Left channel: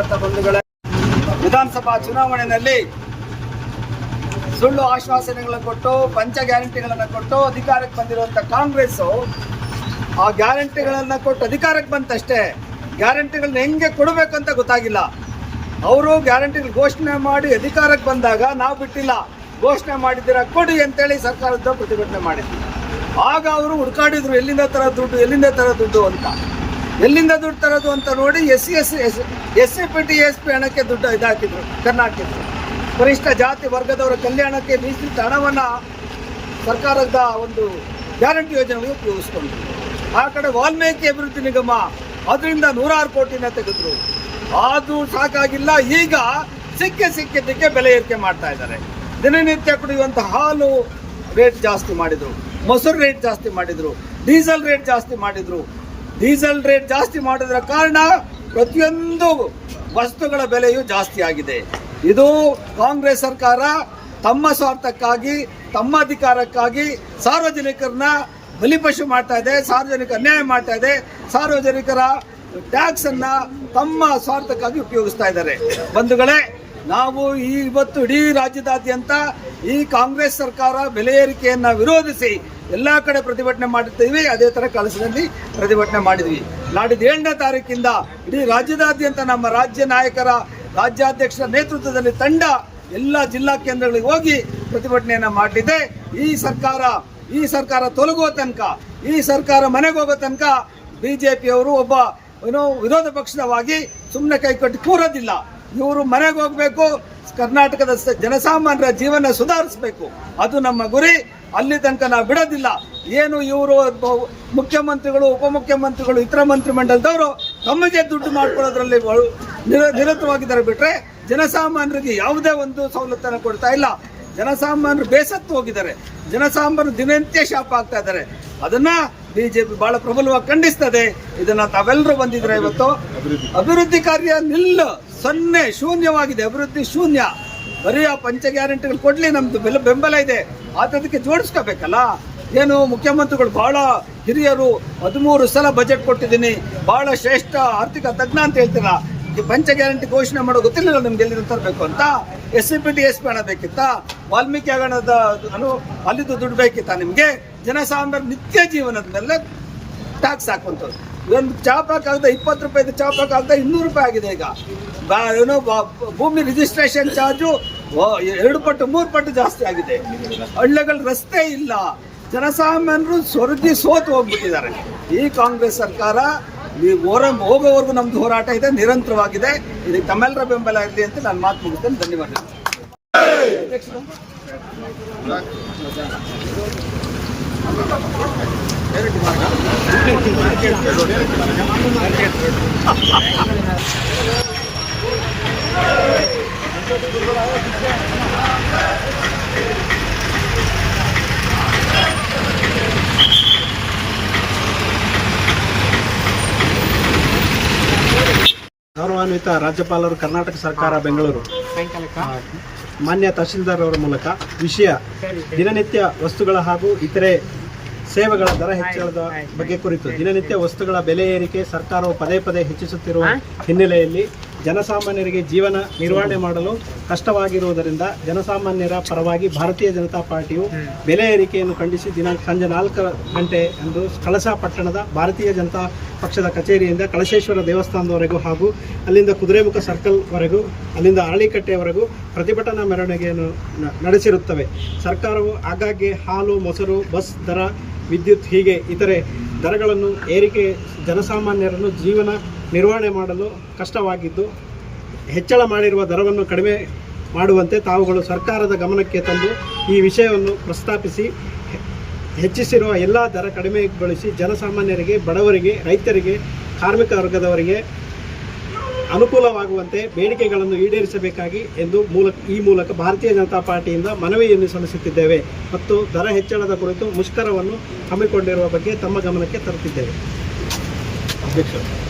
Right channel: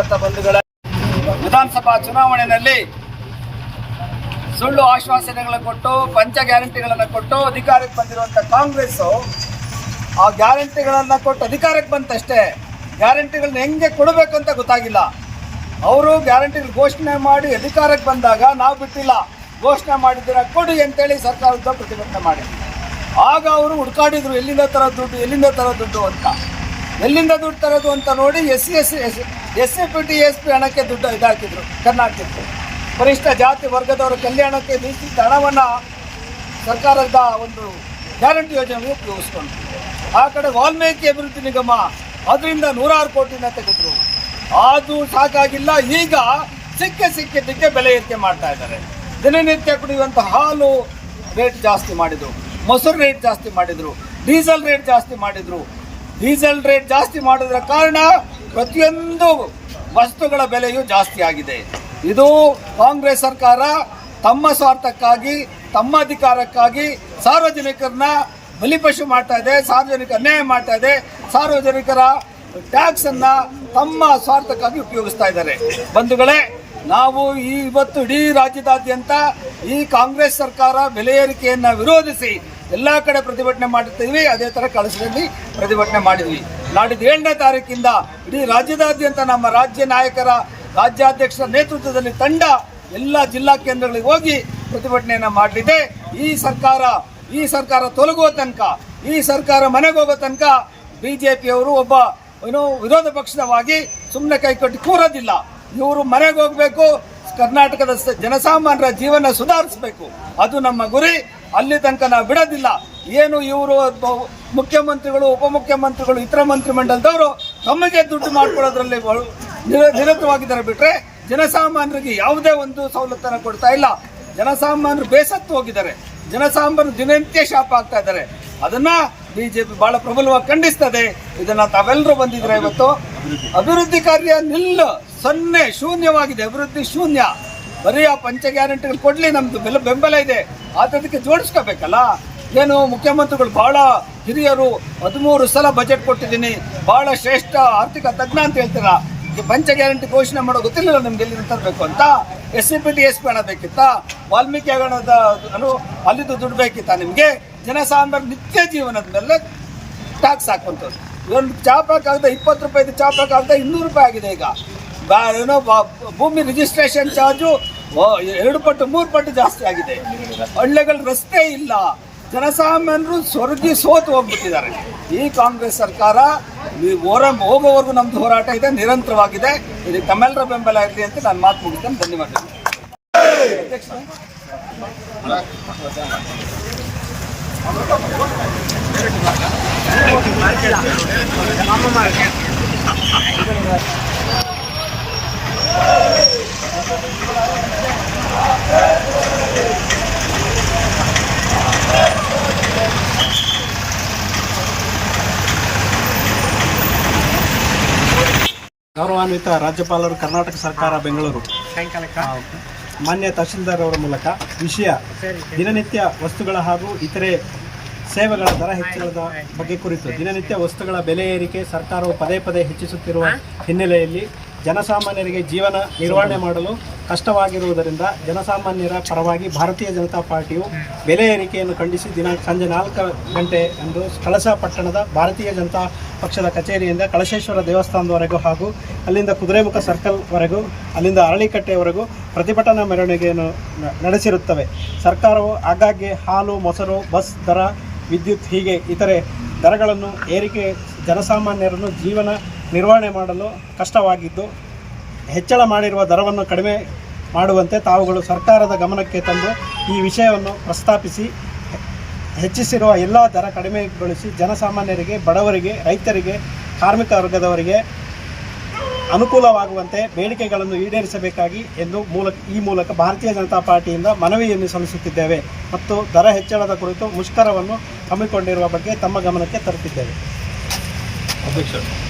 ಕಾರ್ಯಕರ್ತ ಬಂಧುಗಳ ವಿಧಾನಸಭಾ ಚುನಾವಣೆಯಲ್ಲಿ ಸುಳ್ಳು ಆಶ್ವಾಸನೆಗಳನ್ನು ಕೊಟ್ಟು, ಪಂಚ ಗ್ಯಾರಂಟಿಗಳನ್ನು ಕೊಟ್ಟು ಅಧಿಕಾರಕ್ಕೆ ಬಂದಿರುವಂಥ ಕಾಂಗ್ರೆಸ್ ಆ ಗ್ಯಾರಂಟಿಗಳನ್ನು ಕೊಟ್ಟು ಅಧಿಕಾರಕ್ಕೆ ಬಂತಷ್ಟೇ, ಗ್ಯಾರಂಟಿಗಳನ್ನ ಹೆಂಗೆ ಕೊಡಬೇಕಂತ ಗೊತ್ತಾಗಿಲ್ಲ. ಅವರು ಗ್ಯಾರಂಟಿಗಳು ಘೋಷಣೆ ಮಾಡಿ ಅಧಿಕಾರಕ್ಕೆ ಬಂದಾಗ ನಾವು ಬಿಟ್ಟಿಲ್ಲ, ಘೋಷಣೆ ಮಾಡಿದ್ದೀರಾ ಕೊಡಿ ಅಂತೇಳಿ ಸರ್ಕಾರದ ಪ್ರತಿಭಟನೆ ಮಾಡಿದ್ವಿ ಆಗ ಅವರು ಹುಡ್ಕಾಡಿದ್ರು, ಎಲ್ಲಿಂದ ತರ ದುಡ್ಡು, ಎಲ್ಲಿಂದ ತರ ದುಡ್ಡು ಅಂತ. ಎಲ್ಲಿಂದ ದುಡ್ಡು ತರೋದು ಅಂತ ನೋಡಿ S C, S S C P T, S P ಹಣಕ್ಕೆ ದುಡ್ಡು ಇದಾಕಿದ್ರು ಕರ್ನಾಟಕದ್ದು ಪರಿಷ್ಠ ಜಾತಿ ವರ್ಗದವರ ಕಲ್ಯಾಣಕ್ಕೆ ಮೀಸಲಿಟ್ಟ ಹಣವನ್ನು ಸರ್ಕಾರದ ಒಂದು ಗ್ಯಾರಂಟಿ ಯೋಜನೆಗೆ ಉಪಯೋಗಿಸ್ಕೊಂಡ್ರು. ಆ ಕಡೆ ವಾಲ್ಮೀಕಿ ಅಭಿವೃದ್ಧಿ ನಿಗಮ ಅದರಿಂದ ನೂರಾರು ಕೋಟಿನ ತೆಗೆದ್ರು. ಅದು ಸಾಕಾಗಿಲ್ಲ, ಈಗ ಸಿಕ್ಕೆ ಸಿಕ್ಕಿದ್ದಕ್ಕೆ ಬೆಲೆ ಏರಿಕೆ ಮಾಡ್ತಾ ಇದ್ದಾರೆ. ದಿನನಿತ್ಯ ಕುಡಿಯುವಂಥ ಹಾಲು ರೇಟ್ ಜಾಸ್ತಿ ಮಾಡಿದ್ರು, ಮೊಸರು ರೇಟ್ ಜಾಸ್ತಿ ಮಾಡಿದ್ರು ಡೀಸೆಲ್ ರೇಟ್ ಜಾಸ್ತಿ ಮಾಡಿದ್ರು. ಡೀಸೆಲ್ ರೇಟ್ ಜಾಸ್ತಿ ಮಾಡೋದ್ರ ಕಾರಣ ಪ್ರತಿಯೊಂದು ವಸ್ತುಗಳ ಬೆಲೆಯೂ ಜಾಸ್ತಿ ಆಗಿದೆ. ಇದು ಕಾಂಗ್ರೆಸ್ ಸರ್ಕಾರ ತಮ್ಮ ಸ್ವಾರ್ಥಕ್ಕಾಗಿ, ತಮ್ಮ ಅಧಿಕಾರಕ್ಕಾಗಿ ಸಾರ್ವಜನಿಕರನ್ನ ಬಲಿಪಶು ಮಾಡ್ತಾ ಇದೆ ಸಾರ್ವಜನಿಕ ಅನ್ಯಾಯ ಮಾಡ್ತಾ ಇದೆ, ಸಾರ್ವಜನಿಕರ ಟ್ಯಾಕ್ಸ್ ಅನ್ನ ತಮ್ಮ ಸ್ವಾರ್ಥಕ್ಕಾಗಿ ಉಪಯೋಗಿಸ್ತಾ ಇದ್ದಾರೆ. ಬಂಧುಗಳೇ, ನಾವು ಈ ಇವತ್ತು ಇಡೀ ರಾಜ್ಯದಾದ್ಯಂತ ಈ ಕಾಂಗ್ರೆಸ್ ಸರ್ಕಾರ ಬೆಲೆ ಏರಿಕೆಯನ್ನು ವಿರೋಧಿಸಿ ಎಲ್ಲಾ ಕಡೆ ಪ್ರತಿಭಟನೆ ಮಾಡಿರ್ತೀವಿ, ಅದೇ ತರ ಕಳಸದಲ್ಲಿ ಪ್ರತಿಭಟನೆ ಮಾಡಿದ್ವಿ. ನಾಡಿದ್ದು ಏಳನೇ ತಾರೀಕಿಂದ ಇಡೀ ರಾಜ್ಯದಾದ್ಯಂತ ನಮ್ಮ ರಾಜ್ಯ ನಾಯಕರ ರಾಜ್ಯಾಧ್ಯಕ್ಷರ ನೇತೃತ್ವದಲ್ಲಿ ತಂಡ ಎಲ್ಲ ಜಿಲ್ಲಾ ಕೇಂದ್ರಗಳಿಗೆ ಹೋಗಿ ಪ್ರತಿಭಟನೆಯನ್ನು ಮಾಡಲಿದೆ. ಈ ಸರ್ಕಾರ ಈ ಸರ್ಕಾರ ತೊಲಗುವ ತನಕ, ಈ ಸರ್ಕಾರ ಮನೆಗೆ ಹೋಗೋ ತನಕ ಬಿಜೆಪಿಯವರು ಒಬ್ಬ ಏನು ವಿರೋಧ ಪಕ್ಷದವಾಗಿ ಸುಮ್ಮನೆ ಕೈಕೊಟ್ಟು ಕೂರೋದಿಲ್ಲ. ಇವರು ಮನೆಗೆ ಹೋಗಬೇಕು, ಕರ್ನಾಟಕದ ಜನಸಾಮಾನ್ಯರ ಜೀವನ ಸುಧಾರಿಸಬೇಕು. ಅದು ನಮ್ಮ ಗುರಿ. ಅಲ್ಲಿ ತನಕ ನಾವು ಬಿಡೋದಿಲ್ಲ. ಏನು ಇವರು ಮುಖ್ಯಮಂತ್ರಿಗಳು ಉಪಮುಖ್ಯಮಂತ್ರಿಗಳು ಇತರ ಮಂತ್ರಿಮಂಡಲದವರು ತಮಗೆ ದುಡ್ಡು ಮಾಡ್ಕೊಳ್ಳೋದ್ರಲ್ಲಿ ನಿರ- ನಿರತವಾಗಿದ್ದಾರೆ ಬಿಟ್ರೆ ಜನಸಾಮಾನ್ಯರಿಗೆ ಯಾವುದೇ ಒಂದು ಸವಲತ್ತನ್ನು ಕೊಡ್ತಾ ಇಲ್ಲ. ಜನಸಾಮಾನ್ಯರು ಬೇಸತ್ತು ಹೋಗಿದ್ದಾರೆ. ಜನಸಾಮಾನ್ಯರು ದಿನನಿತ್ಯ ಶಾಪ ಆಗ್ತಾ ಇದ್ದಾರೆ. ಅದನ್ನ ಬಿಜೆಪಿ ಬಹಳ ಪ್ರಬಲವಾಗಿ ಖಂಡಿಸ್ತದೆ. ಇದನ್ನ ತಾವೆಲ್ಲರೂ ಬಂದಿದ್ರೆ ಇವತ್ತು? ಅಭಿವೃದ್ಧಿ ಕಾರ್ಯ ನಿಲ್ಲ. ಸೊನ್ನೆ ಶೂನ್ಯವಾಗಿದೆ. ಅಭಿವೃದ್ಧಿ ಶೂನ್ಯ. ಬರೀ ಆ ಪಂಚ ಗ್ಯಾರಂಟಿಗಳು ಕೊಡಲಿ ನಮ್ದು ಬೆಲ ಬೆಂಬಲ ಇದೆ. ಅದಕ್ಕೆ ಜೋಡಿಸ್ಕೋಬೇಕಲ್ಲ? ಏನು ಮುಖ್ಯಮಂತ್ರಿಗಳು ಬಹಳ ಹಿರಿಯರು ಹದಿಮೂರು ಸಲ ಬಜೆಟ್ ಕೊಟ್ಟಿದ್ದೀನಿ. ಬಹಳ ಶ್ರೇಷ್ಠ ಆರ್ಥಿಕ ತಜ್ಞ ಅಂತ ಹೇಳ್ತೀರಾ? ಪಂಚ ಗ್ಯಾರಂಟಿ ಘೋಷಣೆ ಮಾಡೋ ಗೊತ್ತಿಲ್ಲ ನಮ್ಗೆ ಎಲ್ಲಿ ತರಬೇಕು ಅಂತ? S C P T S P ಹಣ ಬೇಕಿತ್ತಾ? ವಾಲ್ಮೀಕಿ ಹಗರಣದ ಅಲ್ಲಿದ್ದು ದುಡ್ಡು ಬೇಕಿತ್ತಾ ನಿಮಗೆ? ಜನಸಾಮಾನ್ಯರ ನಿತ್ಯ ಜೀವನದ ಮೇಲೆ ಟ್ಯಾಕ್ಸ್ ಹಾಕುವಂಥದ್ದು. ಒಂದು ಚಾಪಾಕ್ ಆಗದ ಇಪ್ಪತ್ತು ರೂಪಾಯಿದು ಚಾಪಾಕ್ ಆಗದ ಇನ್ನೂರು ರೂಪಾಯಿ ಆಗಿದೆ ಈಗ. ಏನೋ ಭೂಮಿ ರಿಜಿಸ್ಟ್ರೇಷನ್ ಚಾರ್ಜು ಎರಡು ಪಟ್ಟು, ಮೂರು ಪಟ್ಟು ಜಾಸ್ತಿ ಆಗಿದೆ. ಹಳ್ಳಿಗಳ ರಸ್ತೆ ಇಲ್ಲ. ಜನಸಾಮಾನ್ಯರು ಸ್ವರ್ಗಿ ಸೋತು ಹೋಗ್ಬಿಟ್ಟಿದ್ದಾರೆ. ಈ ಕಾಂಗ್ರೆಸ್ ಸರ್ಕಾರ ನೀವು ಹೋರ, ಹೋಗೋವರೆಗೂ ನಮ್ದು ಹೋರಾಟ ಇದೆ, ನಿರಂತರವಾಗಿದೆ. ಇದಕ್ಕೆ ತಮ್ಮೆಲ್ಲರ ಬೆಂಬಲ ಇರಲಿ ಅಂತ ನಾನು ಮಾತು ಮುಗಿಸ್ತೇನೆ. ಧನ್ಯವಾದಗಳು. ಗೌರವಾನ್ವಿತ ರಾಜ್ಯಪಾಲರು ಕರ್ನಾಟಕ ಸರ್ಕಾರ ಬೆಂಗಳೂರು. ಮಾನ್ಯ ತಹಶೀಲ್ದಾರ್ ಅವರ ಮೂಲಕ ವಿಷಯ ದಿನನಿತ್ಯ ವಸ್ತುಗಳ ಹಾಗೂ ಇತರೆ ಸೇವೆಗಳ ದರ ಹೆಚ್ಚಳದ ಬಗ್ಗೆ ಕುರಿತು ದಿನನಿತ್ಯ ವಸ್ತುಗಳ ಬೆಲೆ ಏರಿಕೆ ಸರ್ಕಾರವು ಪದೇ ಪದೇ ಹೆಚ್ಚಿಸುತ್ತಿರುವ ಹಿನ್ನೆಲೆಯಲ್ಲಿ ಜನಸಾಮಾನ್ಯರಿಗೆ ಜೀವನ ನಿರ್ವಹಣೆ ಮಾಡಲು ಕಷ್ಟವಾಗಿರುವುದರಿಂದ ಜನಸಾಮಾನ್ಯರ ಪರವಾಗಿ ಭಾರತೀಯ ಜನತಾ ಪಾರ್ಟಿಯು ಬೆಲೆ ಏರಿಕೆಯನ್ನು ಖಂಡಿಸಿ ದಿನ ಸಂಜೆ ನಾಲ್ಕು ಗಂಟೆ ಅಂದು ಕಳಸ ಪಟ್ಟಣದ ಭಾರತೀಯ ಜನತಾ ಪಕ್ಷದ ಕಚೇರಿಯಿಂದ ಕಳಶೇಶ್ವರ ದೇವಸ್ಥಾನದವರೆಗೂ ಹಾಗೂ ಅಲ್ಲಿಂದ ಕುದುರೆಮುಖ ಸರ್ಕಲ್ವರೆಗೂ ಅಲ್ಲಿಂದ ಅರಳಿಕಟ್ಟೆಯವರೆಗೂ ಪ್ರತಿಭಟನಾ ಮೆರವಣಿಗೆಯನ್ನು ನಡೆಸಿರುತ್ತವೆ. ಸರ್ಕಾರವು ಆಗಾಗ್ಗೆ ಹಾಲು, ಮೊಸರು, ಬಸ್ ದರ, ವಿದ್ಯುತ್ ಹೀಗೆ ಇತರೆ ದರಗಳನ್ನು ಏರಿಕೆ, ಜನಸಾಮಾನ್ಯರನ್ನು ಜೀವನ ನಿರ್ವಹಣೆ ಮಾಡಲು ಕಷ್ಟವಾಗಿದ್ದು, ಹೆಚ್ಚಳ ಮಾಡಿರುವ ದರವನ್ನು ಕಡಿಮೆ ಮಾಡುವಂತೆ ತಾವುಗಳು ಸರ್ಕಾರದ ಗಮನಕ್ಕೆ ತಂದು ಈ ವಿಷಯವನ್ನು ಪ್ರಸ್ತಾಪಿಸಿ, ಹೆಚ್ಚಿಸಿರುವ ಎಲ್ಲ ದರ ಕಡಿಮೆಗೊಳಿಸಿ ಜನಸಾಮಾನ್ಯರಿಗೆ, ಬಡವರಿಗೆ, ರೈತರಿಗೆ, ಕಾರ್ಮಿಕ ವರ್ಗದವರಿಗೆ ಅನುಕೂಲವಾಗುವಂತೆ ಬೇಡಿಕೆಗಳನ್ನು ಈಡೇರಿಸಬೇಕಾಗಿ ಎಂದು ಮೂಲಕ ಈ ಮೂಲಕ ಭಾರತೀಯ ಜನತಾ ಪಾರ್ಟಿಯಿಂದ ಮನವಿಯನ್ನು ಸಲ್ಲಿಸುತ್ತಿದ್ದೇವೆ ಮತ್ತು ದರ ಹೆಚ್ಚಳದ ಕುರಿತು ಮುಷ್ಕರವನ್ನು ಹಮ್ಮಿಕೊಂಡಿರುವ ಬಗ್ಗೆ ತಮ್ಮ ಗಮನಕ್ಕೆ ತರುತ್ತಿದ್ದೇವೆ. ಮನೆ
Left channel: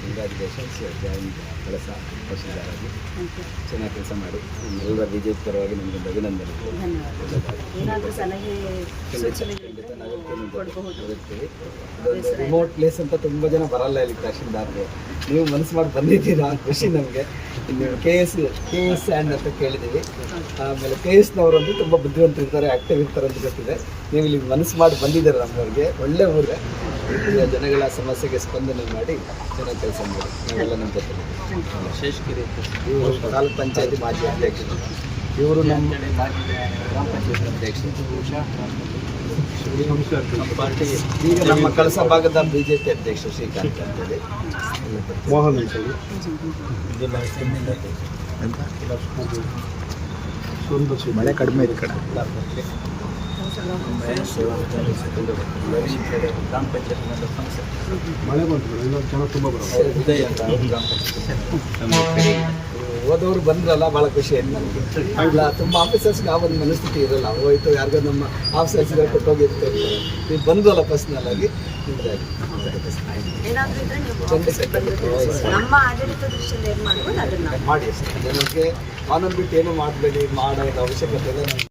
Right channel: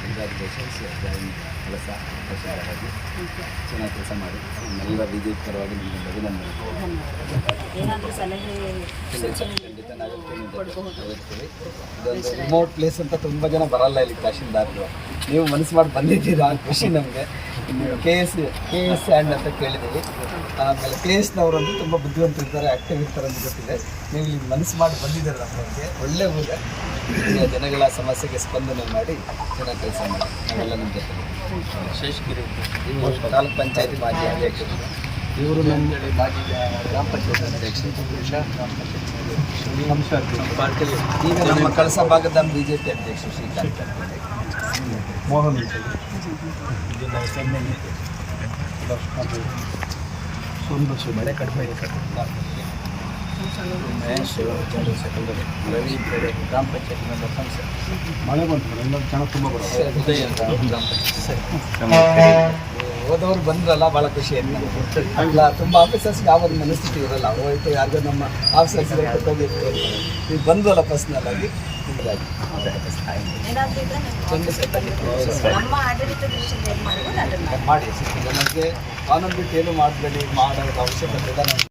ಕಂಗ್ರ್ಯಾಚುಲೇಷನ್ಸ್ ಜಾಯಿನ್ ಕಳಸ ತಹಶೀಲ್ದಾರಾಗಿ ಚೆನ್ನಾಗಿ ಕೆಲಸ ಮಾಡಿ. ನಮ್ಮೆಲ್ಲ ಬಿ ಜೆ ಪಿ ಪರವಾಗಿ ನಿಮಗೊಂದು ಅಭಿನಂದನೆ ಖಂಡಿತ ಹೋಗ್ತೀವಿ ಇದೊಂದು ರಿಮೋಟ್ ಪ್ಲೇಸ್ ಅಂತ ತುಂಬ ಜನ ಬರಲ್ಲ ಇಲ್ಲಿ ತಹಶೀಲ್ದಾರ್ಗಳು. ನೀವು ಮನಸ್ಸು ಮಾಡಿ ಬಂದಿದ್ದೀರಾ? ಖುಷಿ ನಮಗೆ. K S K S and ಅಂತ ಕೇಳಿದ್ದೀವಿ. ಆಮೇಲೆ ಕೆ ಎಸ್ನವರಂತೂ ತುಂಬ ಬುದ್ಧಿವಂತರು ಇರ್ತಾರೆ ಆ್ಯಕ್ಟಿವ್ ಇರ್ತಾರೆ ಅಂತ ಗೊತ್ತಿದೆ. ನೀವು ಇಲ್ಲಿ ಮನಸ್ಸು ಮಾಡಿ ಬಂದಿದ್ದಾರೆ ನಮ್ಮವರಿಗೆ? ಒಳ್ಳೆ ಊರ. ಜನಗಳ ಸಮಸ್ಯೆಗೆ ಸ್ಪಂದನೆ ಮಾಡಿ ಚೆನ್ನಾಗಿ ಕೆಲಸ ಮಾಡಿ. ನಾವೆಲ್ಲ ನಮ್ಮ ಜೊತೆ. ಶೇಷಗಿರಿ. ಇವರು ತಾಲೂಕು ಪಂಚಾಯತಿ ಮಾಜಿ ಅಧ್ಯಕ್ಷರು. ಇವರು ನಮ್ಮ ಮಾಜಿ ಗ್ರಾಮ ಪಂಚಾಯತ್ ಅಧ್ಯಕ್ಷರು. ಉಷಾ ಗ್ರಾಮ ಪಂಚಾಯತ್ ಈಗ ನಮ್ಮ ಕಳಸ ಭಾಗದ ಬಿಜೆಪಿ ಅಧ್ಯಕ್ಷ ಶ್ರೀಕಾಂತ್ ಅಂತೇಳಿ ಮೋಹನ್ ಅಂತೇಳಿ ಮಳೆ ಕಡಿಮೆ ಇರುತ್ತೆ. ಮಹೇಶ್ ಜನರಲ್ ಸೆಕ್ರೆಟರಿ ರವಿ ಕಡೆ ಗ್ರಾಮ ಪಂಚಾಯತ್ ಮೆಂಬರ್ ಸಂಸ್ಥೆ ಮಳೆ ಬಂತು ಎಲ್ಲ ಜನ ತುಂಬ ಬರೋದು ಉದಯ್ ಅಂತ ಗ್ರಾಮ ಪಂಚಾಯತ್ ಹೋದವರು ಬಂದ್ರಲ್ಲ ಭಾಳ ಖುಷಿ ಆಯ್ತು ನಮಗೆ. ಇಲ್ಲ ತುಂಬ ಆಫೀಸರ್ಸ್ಗೆ ಯಾವ ಒಂದು ಮನಸ್ಥಿತಿ ಇರಲ್ಲ. ಹೋಯ್ತು ಯಾರಿಗೋ ನಮ್ಮ ಆಫೀಸರ್ಸ್ ಇದ್ರೆ ಕೊಟ್ಟೋಗಿರ್ತಾ ಇರ್ತಾರೆ ನೀವು ಬಂದ್ವಲ್ಲ ಪರ್ಸ್ನಲ್ ಆಗಿ. ಏನಾದ್ರೂ ಇದ್ರೆ ನೀವು. ನಮ್ಮ ಆಡಳಿತ ದೃಷ್ಟಿಯಿಂದ ಏನ್ ಮಾಡ್ಬೋದು ಅದನ್ನ ಮಾಡಿ ಜನಕ್ಕೆ ಕಾನೂನು ಬಿಟ್ಟು ಏನು ಮಾಡಬೇಡಿ ಮಾಡೋದು ಅವಶ್ಯಕತೆ ಇಲ್ಲ ನಾವು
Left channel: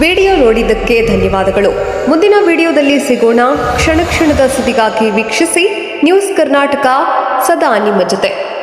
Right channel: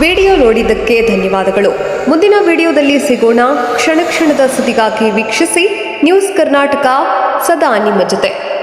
ವಿಡಿಯೋ ನೋಡಿದ್ದಕ್ಕೆ ಧನ್ಯವಾದಗಳು ಮುಂದಿನ ವಿಡಿಯೋದಲ್ಲಿ ಸಿಗೋಣ ಕ್ಷಣ ಕ್ಷಣದ ಸುದ್ದಿಗಾಗಿ ವೀಕ್ಷಿಸಿ ನ್ಯೂಸ್ ಕರ್ನಾಟಕ ಸದಾ ನಿಮ್ಮ ಜೊತೆ